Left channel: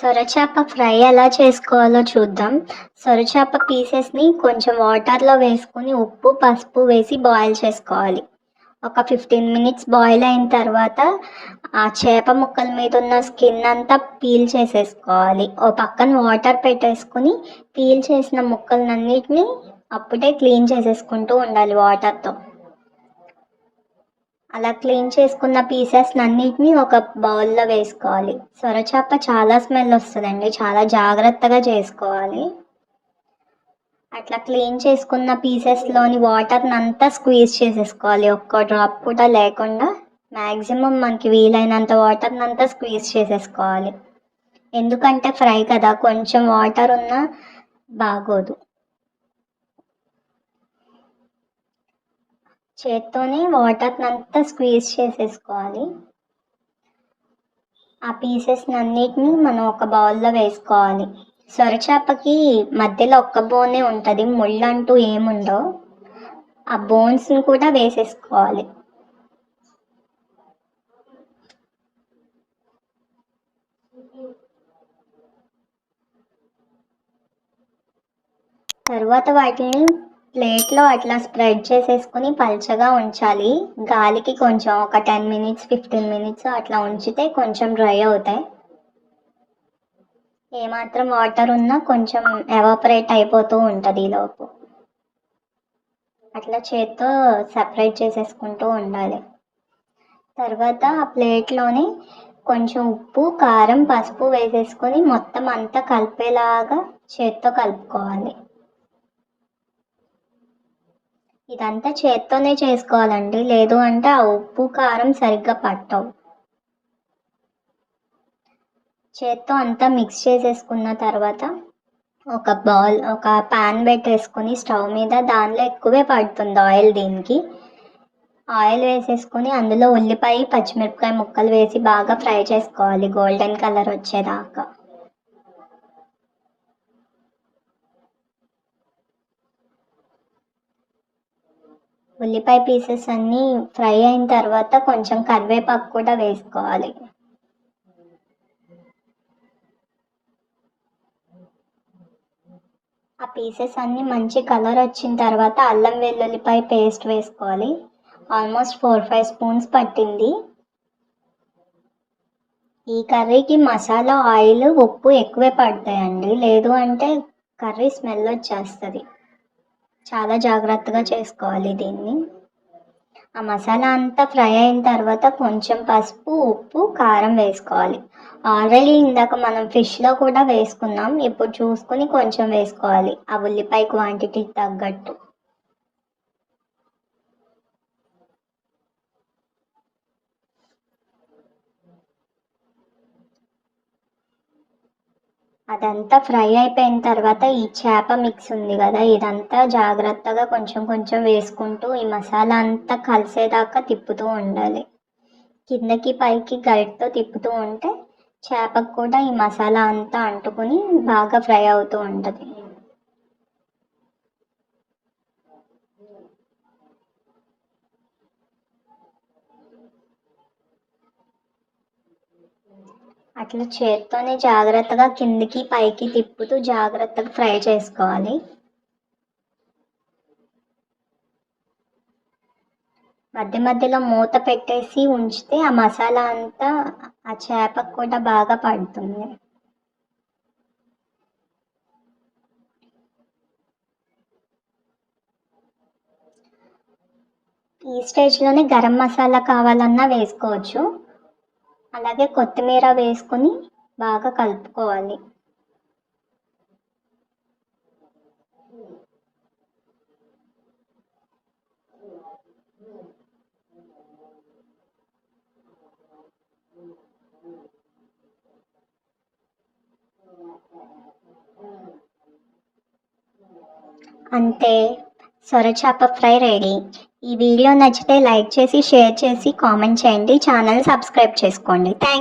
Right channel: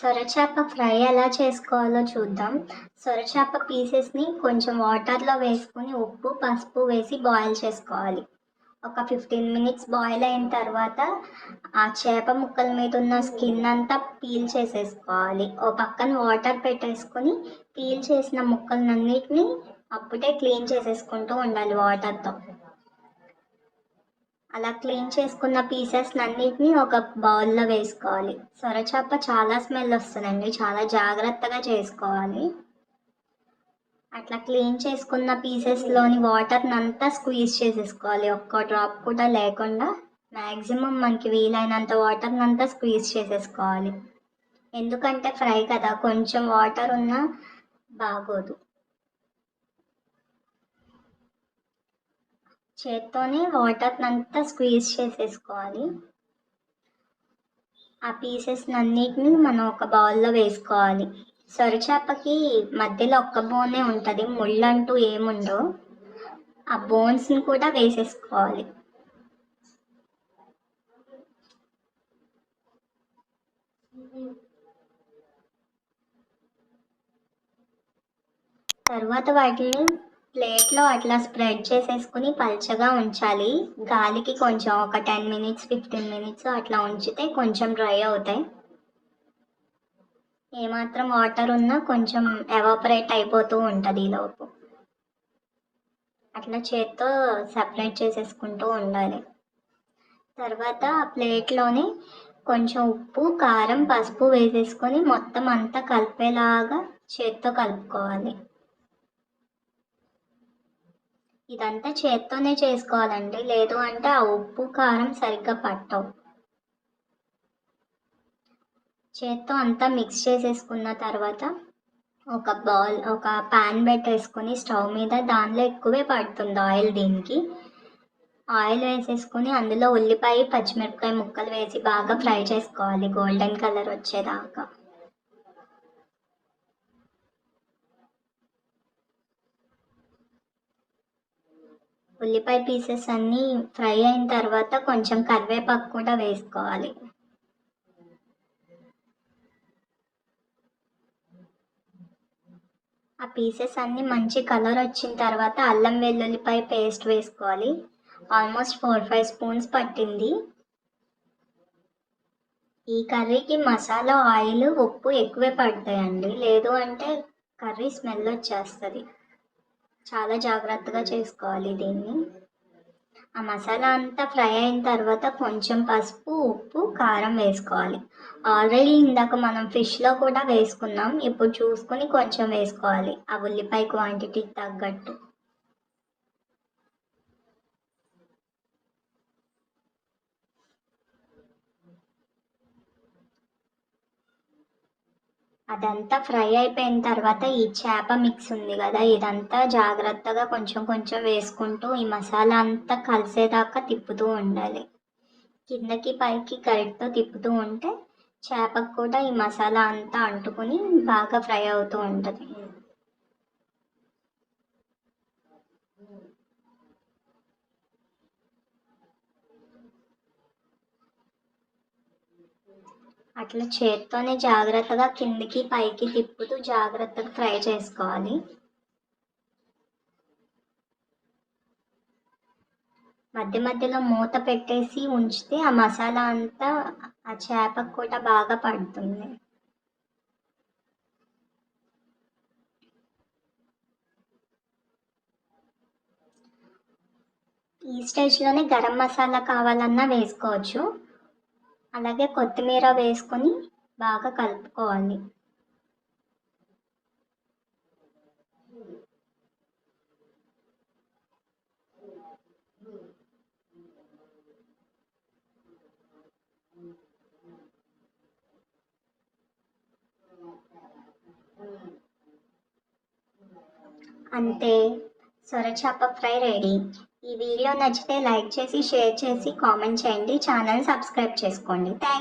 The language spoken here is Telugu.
సొరచేప ఫ్రై ఎలా చేసుకోవాలో చూద్దాం. సొరచేప పీసెస్ని కొంచెం వాటర్లో వేసుకొని ఉప్పు పసుపు వేసి బాయిల్ చేసుకోవాలి. ఒక 15 మినిట్స్ బాయిల్ అయిన తర్వాత ఆ చేప ముక్కల మీద ఉన్న స్కిన్ అంతా పీల్ చేసేసుకోవాలి. ఓ పక్కన వాటర్ పెట్టేసుకుని పీల్ చేసిన ముక్కలన్నిటిని అప్పుడే క్లీన్ చేసేసుకుంటూ ఉండాలి వాటర్తో. అలా క్లీన్ చేసుకున్న పీసెస్ అన్నిటిని ఒక బౌల్లో వేసుకోవాలి. సొరచేప చాలా స్మెల్ వస్తుందండి, చాలా జాగ్రత్తగా చేసుకోవాలి. అట్లా క్లీన్ చేసుకున్న పీసెస్లోని వాటర్ని అంతా స్క్వీజ్ చేసేసుకోవాలి, ఒక్క డ్రాప్ కూడా లేకుండా. మ్యాక్సిమం మనకి వీలైనంత వాటర్ని అంతా స్క్వీజ్ చేసేసుకోవాలి. ఎందుకంటే ఫ్రై కదా, కొంచెం వాటర్ ఉన్నా బాగోదు. చేత్తోనే వాటర్ని అంతా స్క్వీజ్ చేసేసుకోవాలి. ఆ పీసెస్ని అన్నిటిని మనం ఒక బౌల్లో వేసుకోవాలి. సొరచేపకి మధ్యలో ఒక్క బోనే ఉంటుంది, ముళ్ళు అంటూ ఏముండవు. ఆ బోన్స్ని కూడా వేసేసుకోవాలి. తర్వాత వాటిని ప్లేట్లో అట్లా స్ప్రెడ్ చేసేసుకుని పల్చగా ఉంచాలి. గాలికి కొంచెం ఒక 10 మినిట్స్ 15 మినిట్స్ అట్లా ఉంచితే కొంచెం డ్రై అవుతాయి. ఏమాత్రం వాటర్ ఉన్నా కొంచెం ఎవాపరేట్ అయిపోతూ ఉంటుంది ఈలోపు. అట్లా చేత్తో సపరేట్ చేసేసుకుంటూ ఉండాలి. తర్వాత ఆ ప్లేట్లోనే కొంచెం ఉప్పు కారం పసుపు వేసేసుకొని మొత్తం అంతా కలిపేలాగా చేత్తో కలుపుకోవాలి. ఇదంతా చేత్తోనే చేసుకోవాలండి, లేదు అంటే ఆ ఉప్పు కారం సరిగ్గా పట్టవు. చేత్తో అంతా మిక్స్ చేసేసుకున్న తర్వాత ఒక ప్యాన్ పెట్టేసుకొని స్టవ్ మీద, దానిలో ఎక్కువే పడుతుంది ఆయిల్. దీనికి ఆయిల్ వేసేసుకొని అందులో ఉల్లిపాయ పచ్చిమిరపకాయ ముక్కలు వేసి బాగా ఫ్రై చేసుకోవాలి, గోల్డెన్ కలర్ వచ్చేదాకా. ఉల్లిపాయ పీసెస్ అన్నీ ఫ్రై అయిన తర్వాత కొంచెం కరివేపాకు కూడా వేసుకోవాలి. ఆ పీసెస్ అన్నీ మంచి కలర్ వచ్చిన తర్వాత అల్లం వెల్లుల్లిపాయ పేస్ట్ వేసుకోవాలి. ఆల్మోస్ట్ 4-5 స్పూన్స్ పట్టింది. ఈ కర్రీకి మసాలా ఆయిల్ ఉప్పు ఎక్కువే పడతాయండి, లేదు అంటే కర్రీ స్మెల్ వచ్చేస్తుంది. చాలా జాగ్రత్తగా చేసుకోవాలి దీన్ని. ఆ మసాలా అంతా ఫ్రై అయిన తర్వాత కొంచెం పసుపు ఉప్పు కారం వేసుకోవాలి. ఆల్రెడీ ఇందాక మనం ఫిష్లో కూడా వేసుకున్నాం, ఇప్పుడు చూసుకుని కొంచెం వేసుకోవాలి ఆ ఉల్లిపాయ క్వాంటిటీకి తగ్గట్టు. అదంతా ఫ్రై అయిపోయిన తర్వాత ఈ చేప మిక్స్ ఉంది కదా, ఇదంతా జాగ్రత్తగా కొంచెం కొంచెం వేసుకుంటూ ఈ మసాలా అంతా కలిసేదాకా తిప్పుతూ ఉండాలి. కిందకి పైకి గరిటతో తిప్పుతూ ఉంటే చేపకు కూడా ఈ మసాలా అంతా అంటుకుని బాగా ఫ్రై అవుతూ ఉంటుంది. అట్లా చేత్తోనే జాగ్రత్తగా కిందికి పైకి తిప్పుతూ జాగ్రత్తగా ఫ్రై చేసుకోవాలి. మధ్య మధ్యలో మూత పెట్టేసి ఉంచితే ఆ మసాలా అంతా ఆ చేపకు కూడా బాగా పడుతుంది. ఈ స్టేజ్లోనే గరం మసాలా కావాలన్నా వేసుకోవచ్చు. అలాగే కొత్తిమీర వేసుకొని బాగా కలుపుకోవాలి. అంతే, సొరచేప ఫ్రై రెడీ. ఈ వీడియో నచ్చితే లైక్ చేసి షేర్ చేసి కామెంట్ చేయండి, ఛానల్ సబ్స్క్రైబ్ చేసుకోండి. థ్యాంక్